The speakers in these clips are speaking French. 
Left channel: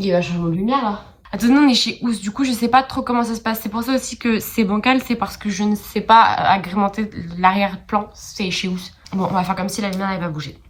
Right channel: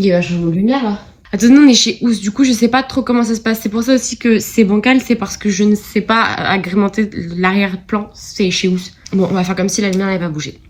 Il y a eu un changement de lumière là. Attends, non, on est chez Ous, du coup je sais pas trop comment ça se passe. C'est pour ça aussi que c'est bancal, c'est parce que je ne sais pas agrémenter l'arrière-plan, c'est chez Ous. Bon, on va faire comme si la lumière n'avait pas bougé.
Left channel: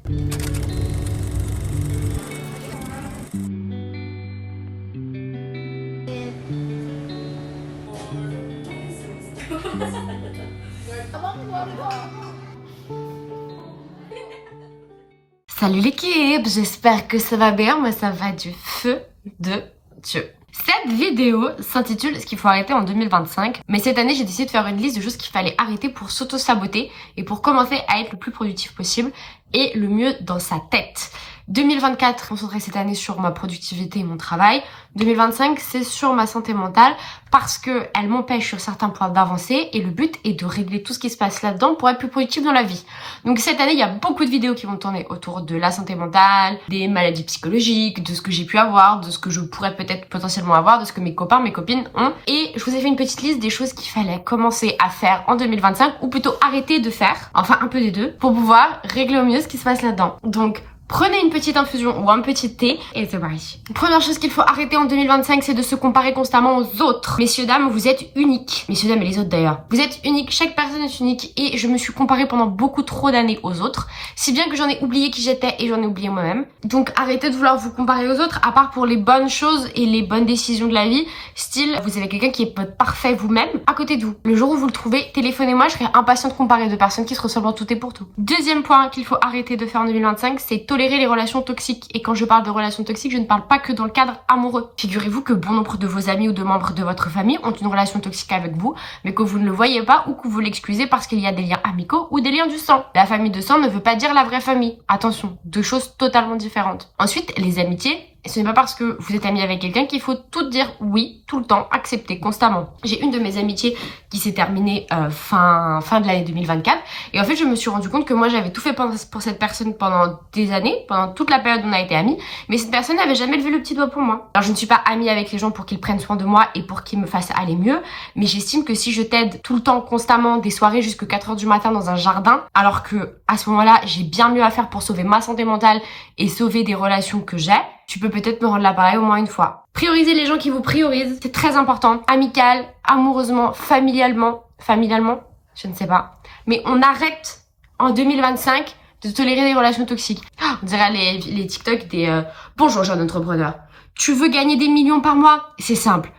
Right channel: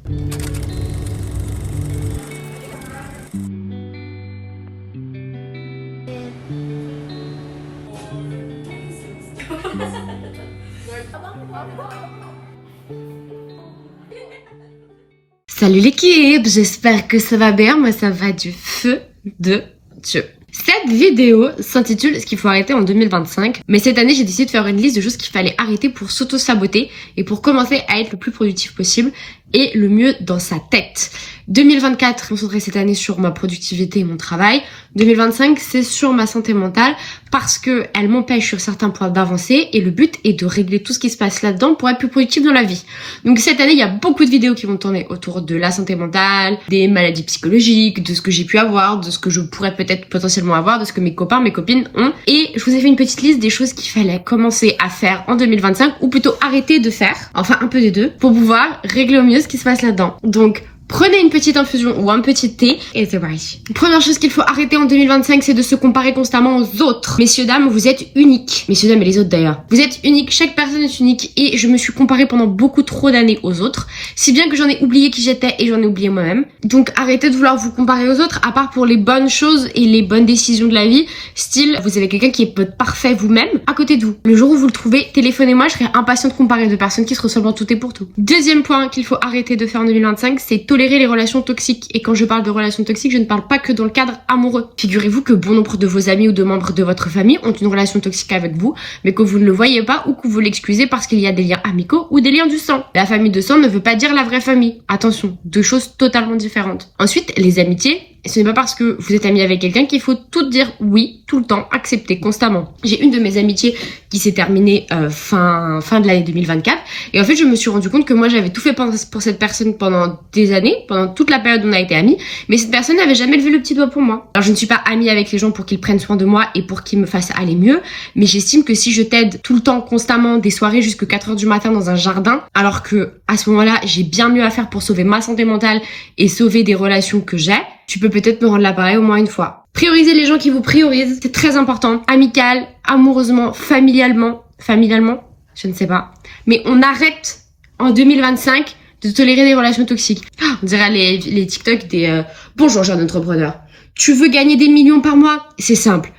Salut l'équipe, j'espère que ça va bien, moi ça va du feu de Dieu. Cette vidéo s'intitule « Ce qu'il faut arrêter en 2025 ». Mais cette année, j'ai décidé de faire une liste de choses qu'il fallait arrêter pour s'auto-saboter et pour commencer à être le plus productif possible et le mieux dans sa tête. 2024, je me concentrerai cette année sur ma productivité et mon travail. 2025, c'est sur ma santé mentale parce que elle m'empêche sur certains points d'avancer et le but est de régler tout ce qui se passe là-dedans pour être plus productif dans la vie. Donc cette année, il y a beaucoup de vidéos qui vont tourner autour de la santé mentale, des maladies psychologiques, de ce que j'ai pu avoir, de ce que je pourrais peut-être potentiellement avoir, de ce que mes copains, mes copines ont. Et je vous ai fait une petite liste des choses qu'il fallait commencer à faire en 2025 ou plutôt arrêter de faire, enfin un peu des deux, pour pouvoir régler au mieux ce qui se passe là-dedans. Donc prenez une petite infusion ou un petit thé et c'est parti. Première chose qu'il faut arrêter en 2025, c'est de se comparer constamment aux autres. Messieurs, dames, vous êtes uniques. Messieurs, dames et les autres d'ailleurs. Vous êtes uniques, chaque personne est unique et je me suis comparée pendant beaucoup trop d'années aux autres. Si bien que j'en ai oublié qui j'étais et j'en ai oublié moi-même. Donc arrêtez de vouloir vous comparer aux autres, à part pour les bonnes choses et les bonnes décisions de la vie. Style, vous avez quelqu'un qui est parfait vous-même à côté de vous. Le jour où vous le trouvez, téléphonez-moi, je serai impatient de comparer deux personnes qui se ressemblent en tout et pour tout. Deuxième point qu'il faut arrêter de faire en 2025, c'est tolérer les relations toxiques. Et quand je parle de relations toxiques, je ne parle pas que dans le cadre amoureux. Figurez-vous que bon nombre de vos amis ou de membres de votre famille ont une relation toxique avec vous, mais que vous ne le voyez pas ou que vous l'excusez parce qu'il y a des liens amicaux ou des liens du sang. La famille de sang ne veut pas dire la vraie famille. Attention, deux choses totalement différentes. Ensuite, les amitiés. Ce n'est pas parce que vous êtes ami avec quelqu'un qu'il faut tout dire oui, tout le temps, accepter constamment. J'ai une de mes amitiés qui s'est terminée fin de l'année 2024 et en fait je me suis rendu compte que moi j'avais tout fait pour cette personne pendant des années, pendant toute la période où on a été amis, mais cette personne n'avait jamais levé le petit doigt pour moi. Alors je ne suis pas amie avec les gens pour qu'ils prennent soin de moi et pour qu'ils me fassent aller mieux, mais j'estime que si je t'aide tout le temps, constamment, des soirées jusqu'à 4h du matin dans un jardin, alors que à ce moment-là j'ai bien mieux à faire pour sauver ma santé mentale et sauver des relations que j'ai, tu peux peut-être me rendre l'appareil au moins une fois. Priorisez les gens qui vous priorisent, c'est très important. Amical, amoureusement, familialement, je ne sais pas. Mais on arrête en 2025 de tolérer des relations toxiques. On dirait les TikTok des bonjour jeune entrepreneur. Tu veux gagner des millions par mois? C'est simple.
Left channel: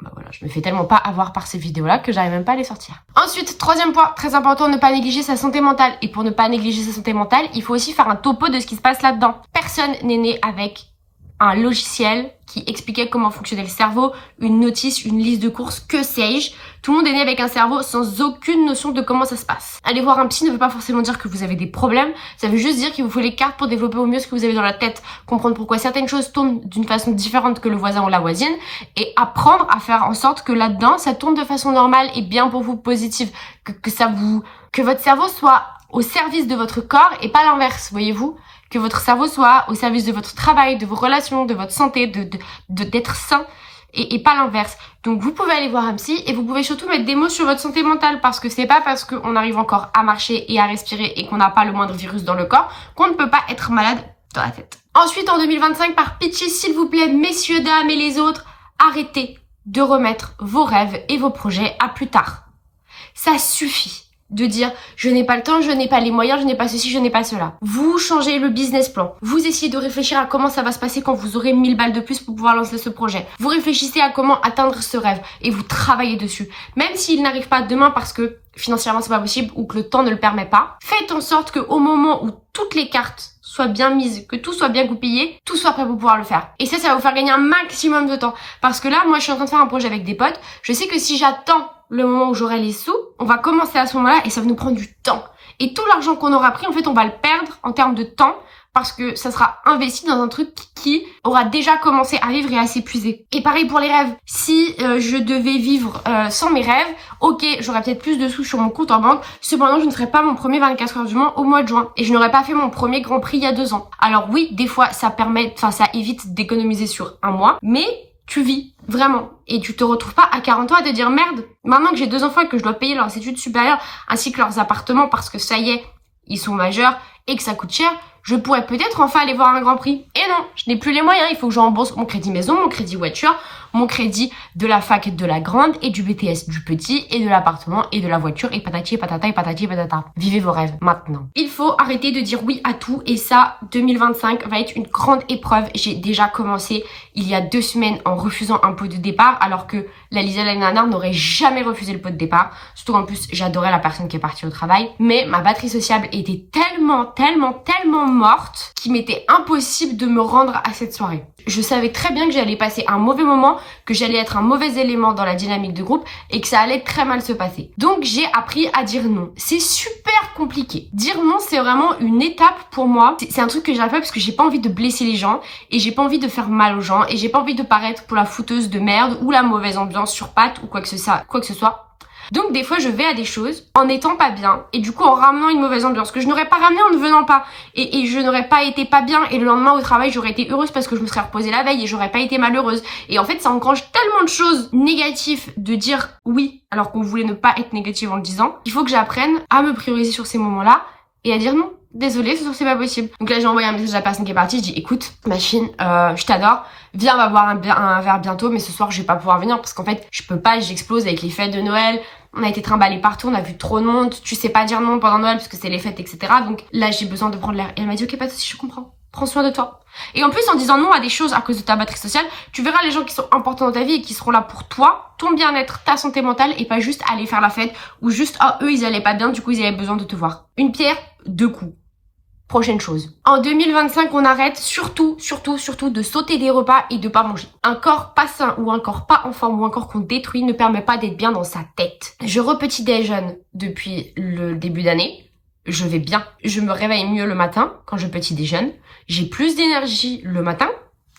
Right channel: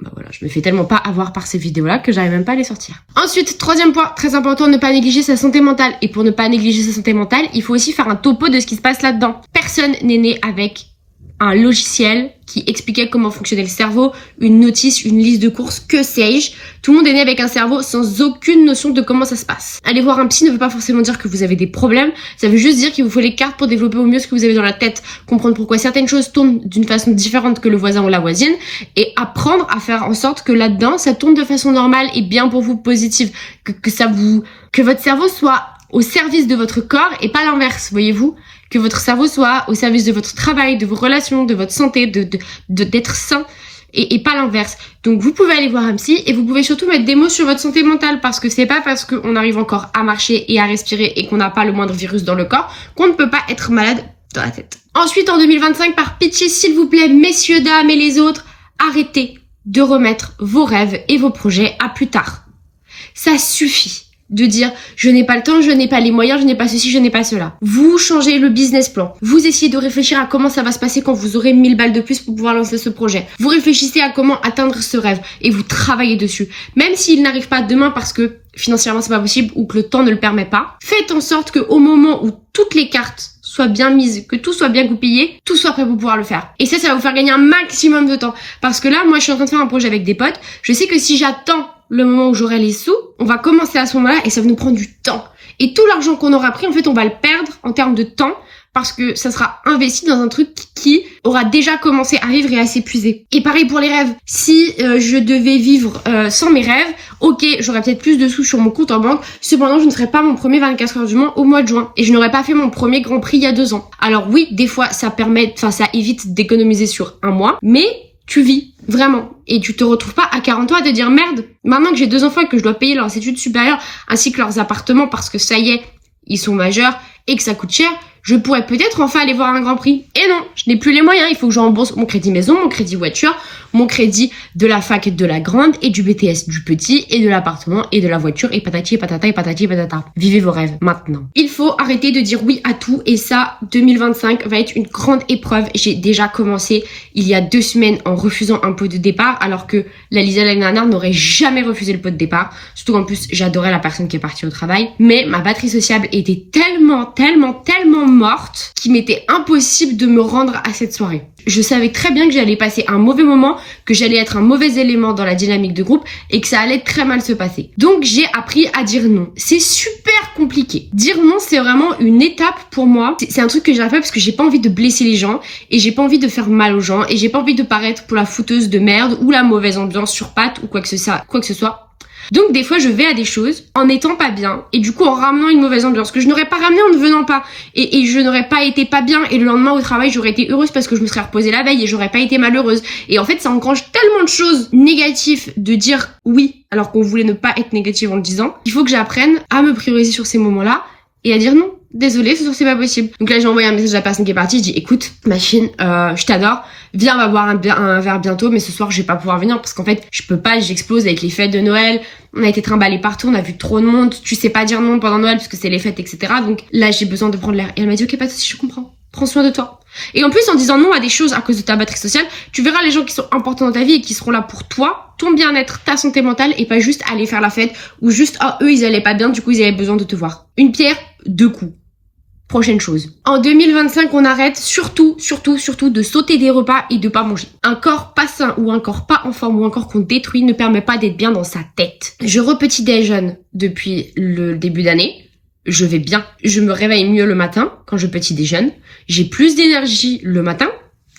Bah voilà, je me fais tellement pas avoir par ces vidéos-là que j'arrive même pas à les sortir. Ensuite, troisième point, très important, ne pas négliger sa santé mentale. Et pour ne pas négliger sa santé mentale, il faut aussi faire un topo de ce qui se passe là-dedans. Personne n'est né avec un logiciel qui expliquait comment fonctionnait le cerveau, une notice, une liste de courses, que sais-je. Tout le monde est né avec un cerveau sans aucune notion de comment ça se passe. Aller voir un psy ne veut pas forcément dire que vous avez des problèmes, ça veut juste dire qu'il vous faut les cartes pour développer au mieux ce que vous avez dans la tête, comprendre pourquoi certaines choses tournent d'une façon différente que le voisin ou la voisine, et apprendre à faire en sorte que là-dedans, ça tourne de façon normale et bien pour vous, positive, que votre cerveau soit au service de votre corps et pas l'inverse, voyez-vous? Que votre cerveau soit au service de votre travail, de vos relations, de votre santé, d'être sain et pas l'inverse. Donc vous pouvez aller voir un psy et vous pouvez surtout mettre des mots sur votre santé mentale parce que c'est pas parce qu'on arrive encore à marcher et à respirer et qu'on n'a pas le moindre virus dans le corps qu'on ne peut pas être malade dans la tête. Ensuite, en 2025, par pitié, s'il vous plaît, messieurs, dames et les autres, arrêtez de remettre vos rêves et vos projets à plus tard. Ça suffit de dire je n'ai pas le temps, je n'ai pas les moyens, je n'ai pas ceci, je n'ai pas cela. Vous changez le business plan. Vous essayez de réfléchir à comment ça va se passer quand vous aurez 1000 balles de plus pour pouvoir lancer ce projet. Vous réfléchissez à comment atteindre ce rêve et vous travaillez dessus. Même s'il n'arrive pas demain parce que financièrement c'est pas possible ou que le temps ne le permet pas, faites en sorte qu'au moment où toutes les cartes soient bien mises, que tout soit bien goupillé, tout soit prêt pour pouvoir le faire. Et ça va vous faire gagner un maximum de temps. Parce que là, moi je suis en train de faire un projet avec des potes, je sais que si j'attends le moment où j'aurai les sous, on va commencer à ce moment-là et ça va nous prendre du temps. Et tout l'argent qu'on aura pris, en fait, on va le perdre en termes de temps parce que ça sera investi dans un truc qui aura déjà commencé à vivre et à s'épuiser. Et pareil pour les rêves. Si je devais vivre sans mes rêves, ok, j'aurais peut-être plus de sous sur mon compte en banque, cependant je ne ferais pas mon premier 24 heures du Mans au mois de juin. Et je n'aurais pas fait mon premier Grand Prix il y a 2 ans. Alors oui, des fois ça évite d'économiser sur un mois, mais tu vis, vraiment. Et tu te retrouves pas à 40 ans à te dire merde, maintenant que j'ai 2 enfants et que je dois payer leurs études supérieures ainsi que leurs appartements parce que ça y est, ils sont majeurs et que ça coûte cher, je pourrais peut-être enfin aller voir un Grand Prix. Et non, je n'ai plus les moyens. Il faut que je rembourse mon crédit maison, mon crédit voiture, mon crédit de la fac de la grande et du BTS du petit et de l'appartement et de la voiture et patati et patata et patati et patata. Vivez vos rêves maintenant. Il faut arrêter de dire oui à tout et ça, 2025 va être une grande épreuve. J'ai déjà commencé il y a 2 semaines en refusant un pot de départ alors que la Lisa l'année dernière n'aurait jamais refusé le pot de départ. Surtout qu'en plus, j'adorais la personne qui est partie au travail. Mais ma batterie sociable était tellement morte qu'il m'était impossible de me rendre à cette soirée. Je savais très bien que j'allais passer un mauvais moment, que j'allais être un mauvais élément dans la dynamique de groupe et que ça allait très mal se passer. Donc j'ai appris à dire non. C'est super compliqué. Dire non, c'est vraiment une étape pour moi. C'est un truc que j'ai fait parce que j'ai pas envie de blesser les gens et j'ai pas envie de faire mal aux gens et j'ai pas envie de paraître pour la fouteuse de merde ou la mauvaise ambiance sur pattes ou quoi que ce soit. Donc des fois je vais à des choses en étant pas bien et du coup en ramenant une mauvaise ambiance que je n'aurais pas ramené en ne venant pas et je n'aurais pas été pas bien et le lendemain au travail j'aurais été heureuse parce que je me serais reposée la veille et j'aurais pas été malheureuse et en fait ça engrange tellement de choses négatives de dire oui alors qu'on voulait ne pas être négative en le disant. Il faut que j'apprenne à me prioriser sur ces moments-là et à dire non. Désolée, c'est pas possible. Donc là, j'ai envoyé un message à la personne qui est partie. Je dis, écoute, ma fille, je t'adore. Viens, on va boire un verre bientôt, mais ce soir, je vais pas pouvoir venir parce qu'en fait, je peux pas, j'explose avec les fêtes de Noël. On a été trimballés partout, on a vu trop de monde. Tu sais pas dire non pendant Noël parce que c'est les fêtes, etc. Donc là, j'ai besoin de prendre l'air. Et elle m'a dit, ok, pas de souci, je comprends. Prends soin de toi. Et en plus, en disant non à des choses à cause de ta batterie sociale, tu verras les gens qui sont importants dans ta vie et qui seront là pour toi, ton bien-être, ta santé mentale et pas juste aller faire la fête ou juste, eux, ils allaient pas bien, du coup, ils avaient besoin de te voir. Une pierre, 2 coups. Prochaine chose. En 2025, on arrête surtout de sauter des repas et de pas manger. Un corps pas sain ou un corps pas en forme ou un corps qu'on détruit ne permet pas d'être bien dans sa tête. Je repetit déjeune depuis le début d'année. Je vais bien. Je me réveille mieux le matin quand je petit déjeune. J'ai plus d'énergie le matin.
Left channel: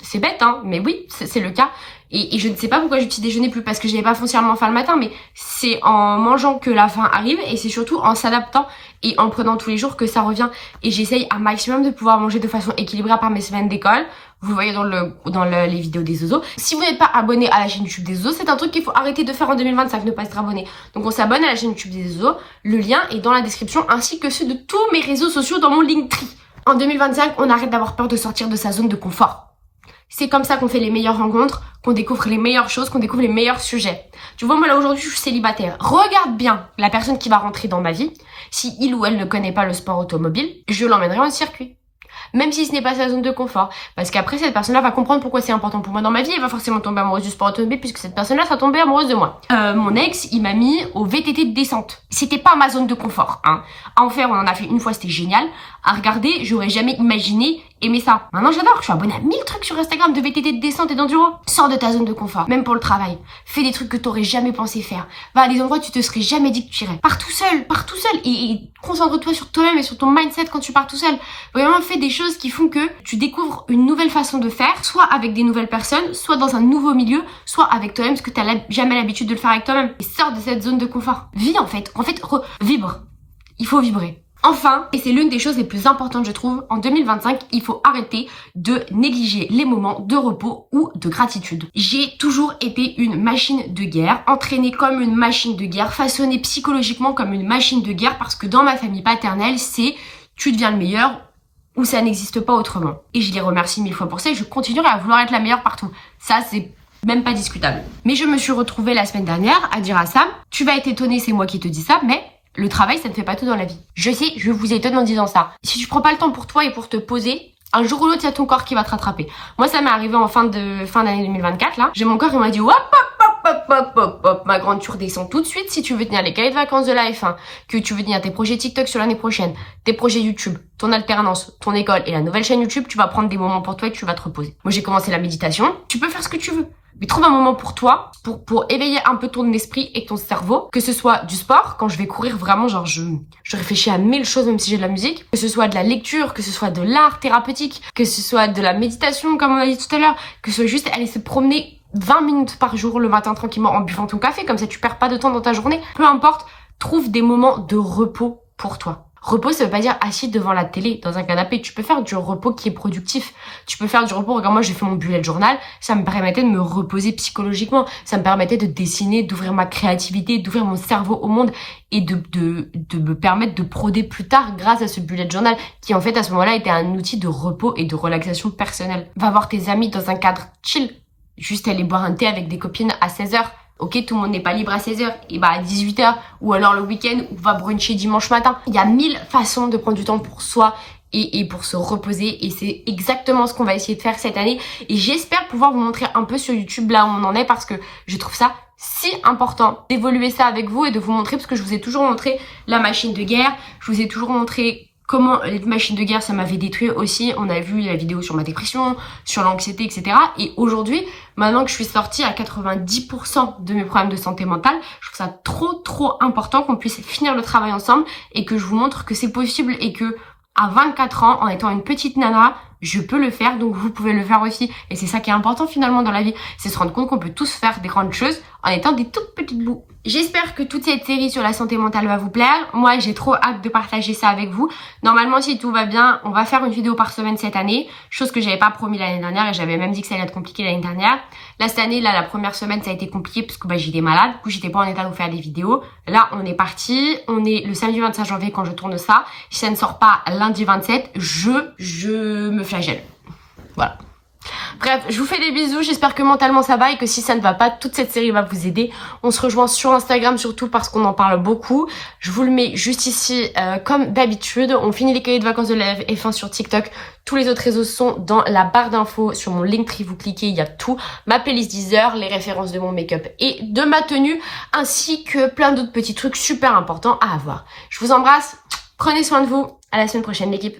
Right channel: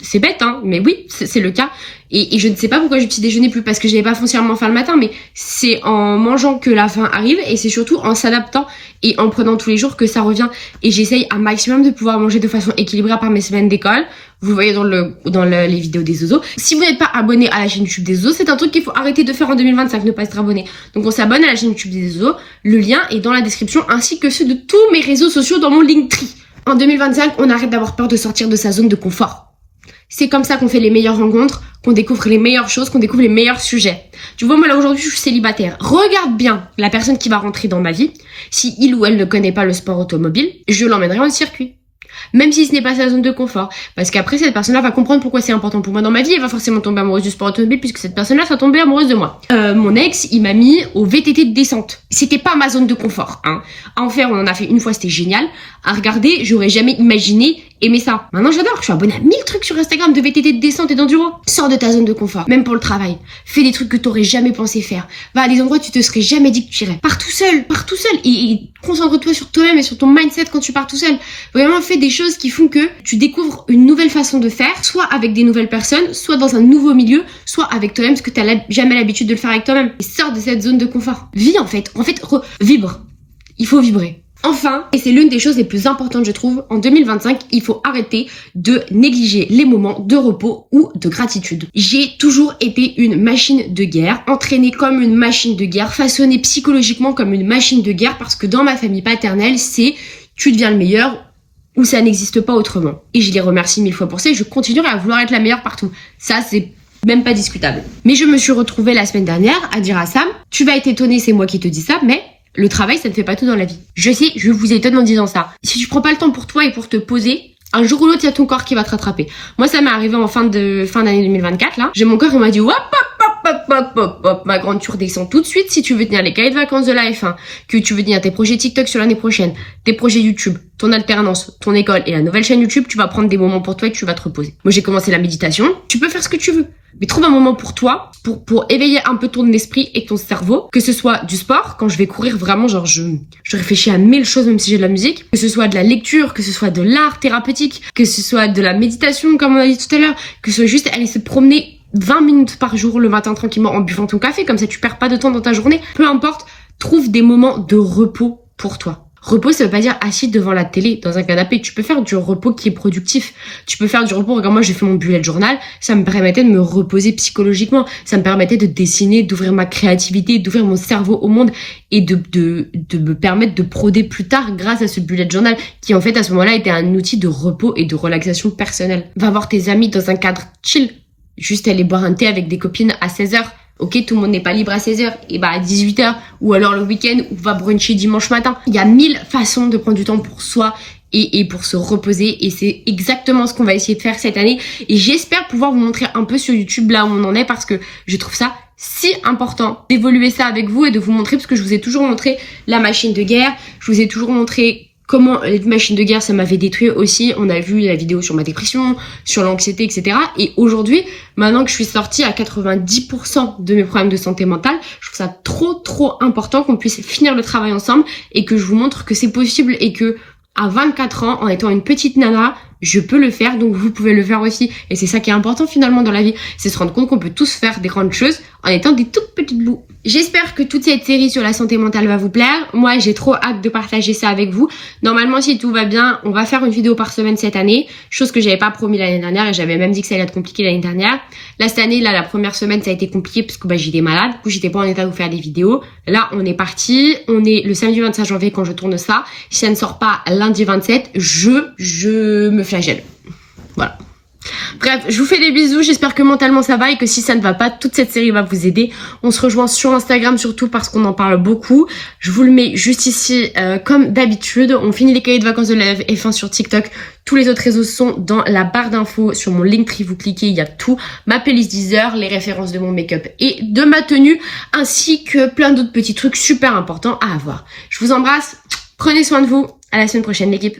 C'est bête, hein, mais oui, c'est le cas. Et je ne sais pas pourquoi je petit déjeuner plus parce que j'avais pas foncièrement faim le matin, mais c'est en mangeant que la faim arrive et c'est surtout en s'adaptant et en prenant tous les jours que ça revient. Et j'essaye un maximum de pouvoir manger de façon équilibrée par mes semaines d'école. Vous le voyez dans les vidéos des Zozos. Si vous n'êtes pas abonné à la chaîne YouTube des Zozos, c'est un truc qu'il faut arrêter de faire en 2025, ne pas être abonné. Donc on s'abonne à la chaîne YouTube des Zozos. Le lien est dans la description ainsi que ceux de tous mes réseaux sociaux dans mon Linktree. En 2025, on arrête d'avoir peur de sortir de sa zone de confort. C'est comme ça qu'on fait les meilleures rencontres, qu'on découvre les meilleures choses, qu'on découvre les meilleurs sujets. Tu vois, moi là aujourd'hui, je suis célibataire. Regarde bien la personne qui va rentrer dans ma vie. Si il ou elle ne connaît pas le sport automobile, je l'emmènerai en circuit. Même si ce n'est pas sa zone de confort. Parce qu'après, cette personne-là va comprendre pourquoi c'est important pour moi dans ma vie. Elle va forcément tomber amoureuse du sport automobile puisque cette personne-là sera tombée amoureuse de moi. Mon ex, il m'a mis au VTT de descente. C'était pas ma zone de confort, hein. À en faire, on en a fait une fois, c'était génial. À regarder, j'aurais jamais imaginé aimer ça. Maintenant, j'adore. Je suis abonnée à 1000 trucs sur Instagram de VTT de descente et d'enduro. Sors de ta zone de confort. Même pour le travail. Fais des trucs que t'aurais jamais pensé faire. Va à des endroits où tu te serais jamais dit que tu irais. Pars tout seul. Et concentre-toi sur toi-même et sur ton mindset quand tu pars tout seul. Vraiment, fais des choses qui font que tu découvres une nouvelle façon de faire, soit avec des nouvelles personnes, soit dans un nouveau milieu, soit avec toi-même, parce que t'as jamais l'habitude de le faire avec toi-même. Et sors de cette zone de confort. Vis en fait. Vibre. Il faut vibrer. Enfin, et c'est l'une des choses les plus importantes je trouve, en 2025, il faut arrêter de négliger les moments de repos ou de gratitude. J'ai toujours été une machine de guerre, entraînée comme une machine de guerre, façonnée psychologiquement comme une machine de guerre, parce que dans ma famille paternelle, c'est tu deviens le meilleur ou ça n'existe pas autrement. Et je les remercie 1000 fois pour ça et je continuerai à vouloir être la meilleure partout. Ça, c'est même pas discutable. Mais je me suis retrouvée la semaine dernière à dire à Sam, tu vas être étonné, c'est moi qui te dis ça, mais le travail, ça ne fait pas tout dans la vie. Je sais, je vous étonne en disant ça. Si tu prends pas le temps pour toi et pour te poser, un jour ou l'autre, il y a ton corps qui va te rattraper. Moi, ça m'est arrivé en fin d'année 2024, là. J'ai mon corps qui m'a dit, hop, ma grande, tu redescends tout de suite si tu veux tenir les cahiers de vacances de la F1, que tu veux tenir tes projets TikTok sur l'année prochaine, tes projets YouTube, ton alternance, ton école et la nouvelle chaîne YouTube, tu vas prendre des moments pour toi et tu vas te reposer. Moi, j'ai commencé la méditation. Tu peux faire ce que tu veux. Mais trouve un moment pour toi, pour éveiller un peu ton esprit et ton cerveau, que ce soit du sport, quand je vais courir vraiment, genre je réfléchis à 1000 choses même si j'ai de la musique, que ce soit de la lecture, que ce soit de l'art thérapeutique, que ce soit de la méditation comme on a dit tout à l'heure, que ce soit juste aller se promener 20 minutes par jour le matin tranquillement en buvant ton café, comme ça tu perds pas de temps dans ta journée, peu importe, trouve des moments de repos pour toi. Repos, ça veut pas dire assis devant la télé, dans un canapé. Tu peux faire du repos qui est productif. Tu peux faire du repos. Regarde, moi, j'ai fait mon bullet journal. Ça me permettait de me reposer psychologiquement. Ça me permettait de dessiner, d'ouvrir ma créativité, d'ouvrir mon cerveau au monde et de me permettre de broder plus tard grâce à ce bullet journal qui, en fait, à ce moment-là, était un outil de repos et de relaxation personnelle. Va voir tes amis dans un cadre chill. Juste aller boire un thé avec des copines à 16h. Ok, tout le monde n'est pas libre à 16h, et bah à 18h, ou alors le week-end, ou va bruncher dimanche matin. Il y a 1000 façons de prendre du temps pour soi et pour se reposer, et c'est exactement ce qu'on va essayer de faire cette année. Et j'espère pouvoir vous montrer un peu sur YouTube là où on en est, parce que je trouve ça si important d'évoluer ça avec vous et de vous montrer, parce que je vous ai toujours montré la machine de guerre, je vous ai toujours montré comment les machines de guerre, ça m'avait détruit aussi. On a vu la vidéo sur ma dépression, sur l'anxiété, etc. Et aujourd'hui, maintenant que je suis sortie à 90% de mes problèmes de santé mentale, je trouve ça trop important qu'on puisse finir le travail ensemble et que je vous montre que c'est possible et que à 24 ans, en étant une petite nana, je peux le faire, donc vous pouvez le faire aussi. Et c'est ça qui est important finalement dans la vie, c'est se rendre compte qu'on peut tous faire des grandes choses en étant des toutes petites bouts. J'espère que toute cette série sur la santé mentale va vous plaire. Moi, j'ai trop hâte de partager ça avec vous. Normalement, si tout va bien, on va faire une vidéo par semaine cette année, chose que j'avais pas promis l'année dernière et j'avais même dit que ça allait être compliqué l'année dernière. Là, cette année, la première semaine, ça a été compliqué parce que j'étais malade, du coup, j'étais pas en état de vous faire des vidéos. Là, on est parti, on est le samedi 25 janvier quand je tourne ça. Si ça ne sort pas lundi 27, je me flagelle. Voilà. Bref, je vous fais des bisous, j'espère que mentalement ça va et que si ça ne va pas, toute cette série va vous aider. On se rejoint sur Instagram surtout parce qu'on en parle beaucoup. Je vous le mets juste ici comme d'habitude. On finit les cahiers de vacances de la F1 sur TikTok. Tous les autres réseaux sont dans la barre d'infos. Sur mon Linktree, vous cliquez, il y a tout. Ma playlist Deezer, les références de mon make-up et de ma tenue, ainsi que plein d'autres petits trucs super importants à avoir. Je vous embrasse, prenez soin de vous. À la semaine prochaine l'équipe.